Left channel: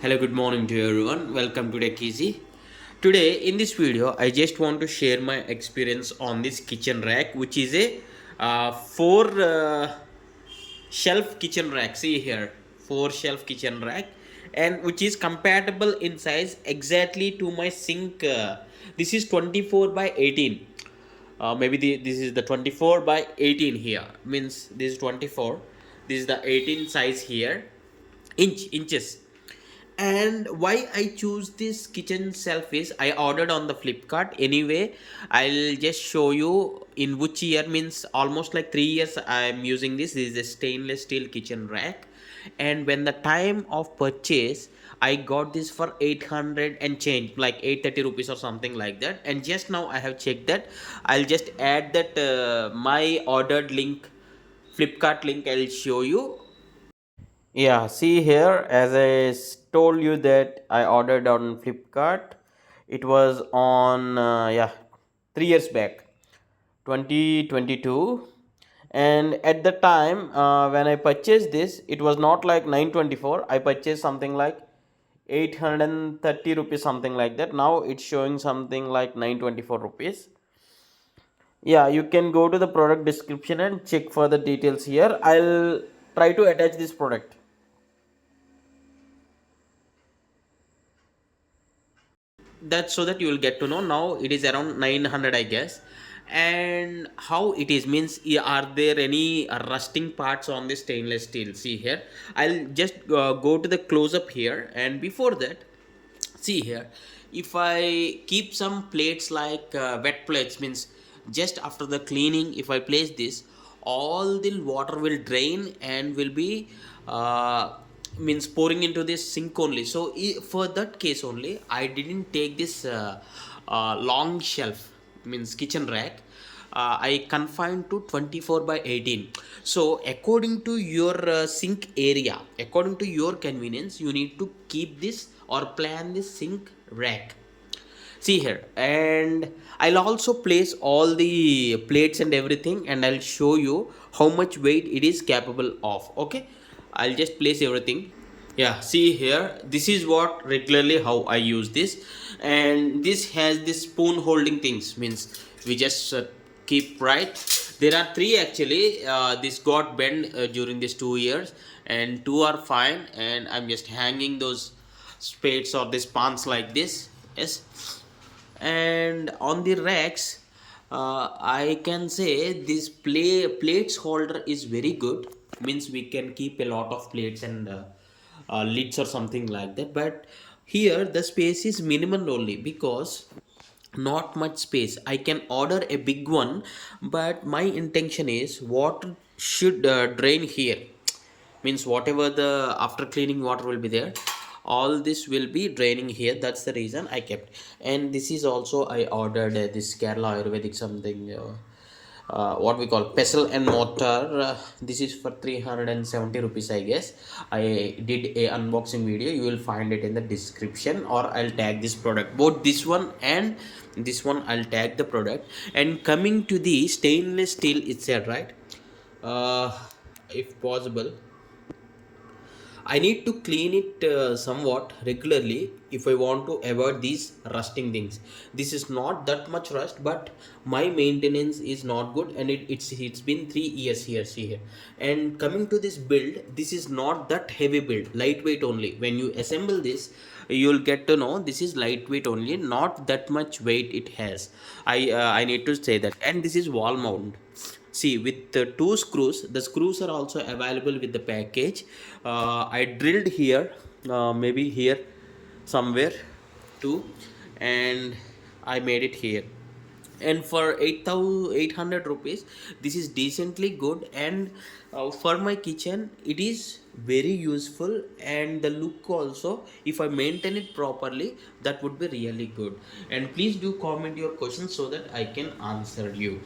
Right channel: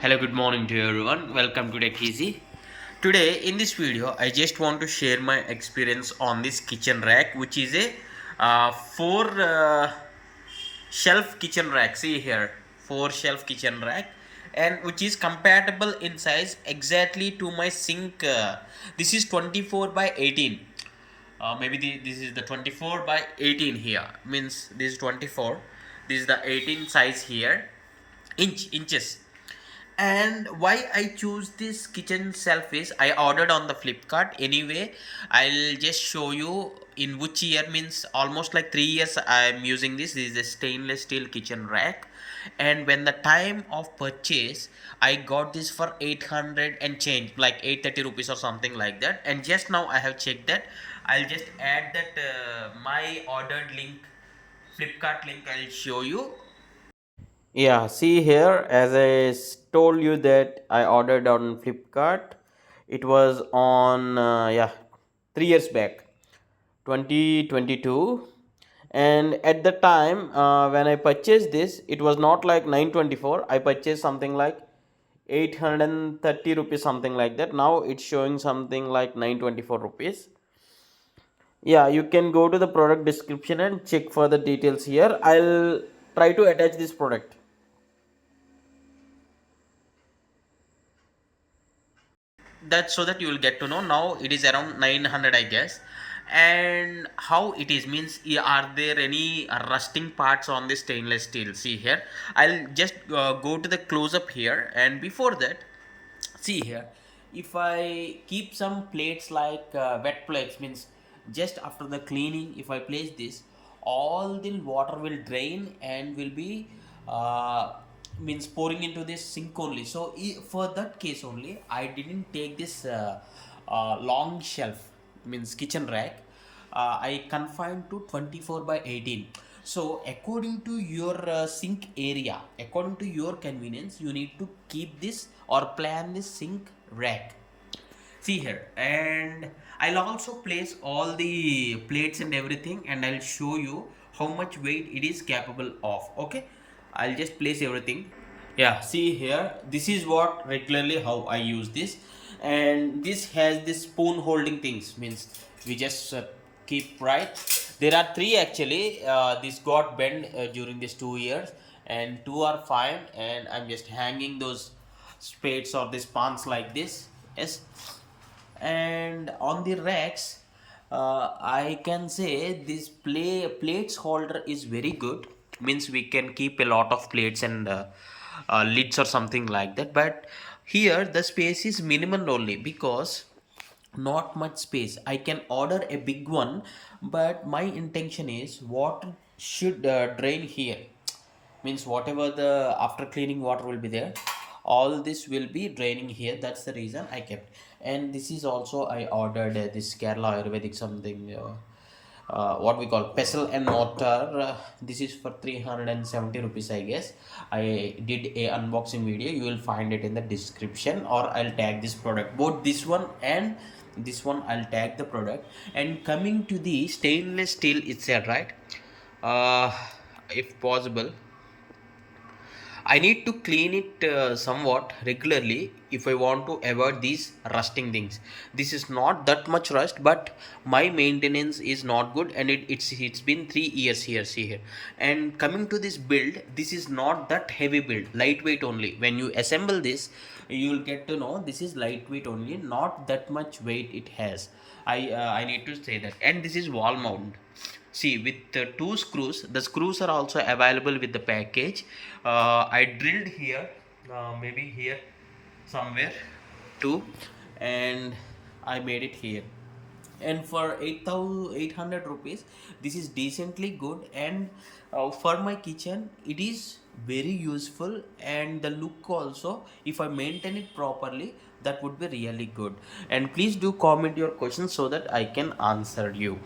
Hello, good morning to everyone. Welcome to Tech Easy. Today, in this video, I just want to share my experience on this kitchen rack, which is a four shelf kitchen rack. See here, four shelf kitchen rack, and which is compatible in size exactly to my sink. This is 24 by 18. This is the 24 by 18 here. Means this is 24. This is the 18 size here, inches. And why I choose this kitchen shelf is I ordered on the Flipkart. Anyway, I'll just show you in which year. Means almost like 3 years I'm using this is a stainless steel kitchen rack. And when the time of purchase, I got this for 800 and change, like 830 rupees or something like that. And just now I have checked that. I'll just add that my ordered link, Flipkart link, I'll show you. Yeah, see here, as told you that I ordered on Flipkart, it was on 3 years back, 2022. And at the time when I purchased this, it was not like 924. I purchased something like 830 rupees, something like that. Now it's showing something like 924 rupees. Yeah, you can go to the product description and check for the details here. I'll try to attach this product. That's so that you will get to know. Now it is around 900, I guess. And how it is means, are there any rusting parts on the stainless steel? See here, I'll just go to the close up here. And before that, see here, if I keep some plates like wet plates, means just after the cleaning, if I place this, all the water will drain and will be uh, means pouring into this sink only. So for that case only, I didn't take this long shelf, means kitchen rack. I confined to 24 by 18. So according to your sink area, according to your convenience, you need to keep this or plan this sink rack. See here, and I'll also place all the plates and everything, and I'll show you how much weight it is capable of. Okay, I'll just place everything. Yeah, see here, this is what regularly how I use this. And this has this spoon holding things, means we just keep right. There are three actually. This got bent during these 2 years, and two are fine, and I'm just hanging those spades or these pans like this. Yes. And on the racks, I can say this plates holder is very good. Means we can keep a lot of plates and lids or something like that. But here the space is minimal only, because not much space. I can order a big one, but my intention is water should drain here. Means whatever the after cleaning water will be there, all this will be draining here. That's the reason I kept. And this is also I ordered this Kerala Ayurvedic something, what we call pestle and mortar. This is for 370 rupees, I guess. I did a unboxing video, you will find it in the description, or I'll tag this product, both this one and this one. I'll tag the product. And coming to the stainless steel itself, right, uh, if possible, I need to clean it somewhat regularly if I want to avoid these rusting things. This is not that much rust, but my maintenance is not good, and it's been 3 years here. See here. And coming to this build, this is not that heavy build, lightweight only. When you assemble this, you'll get to know this is lightweight only, not that much weight it has. I need to say that. And this is wall mount. See, with the two screws, the screws are also available with the package. I drilled here, maybe here somewhere too, and I made it here. And for 8,800 rupees, this is decently good. And for my kitchen, it is very useful. And the look also, if I maintain it properly, that would be really good. And please do comment your questions so that I can answer you.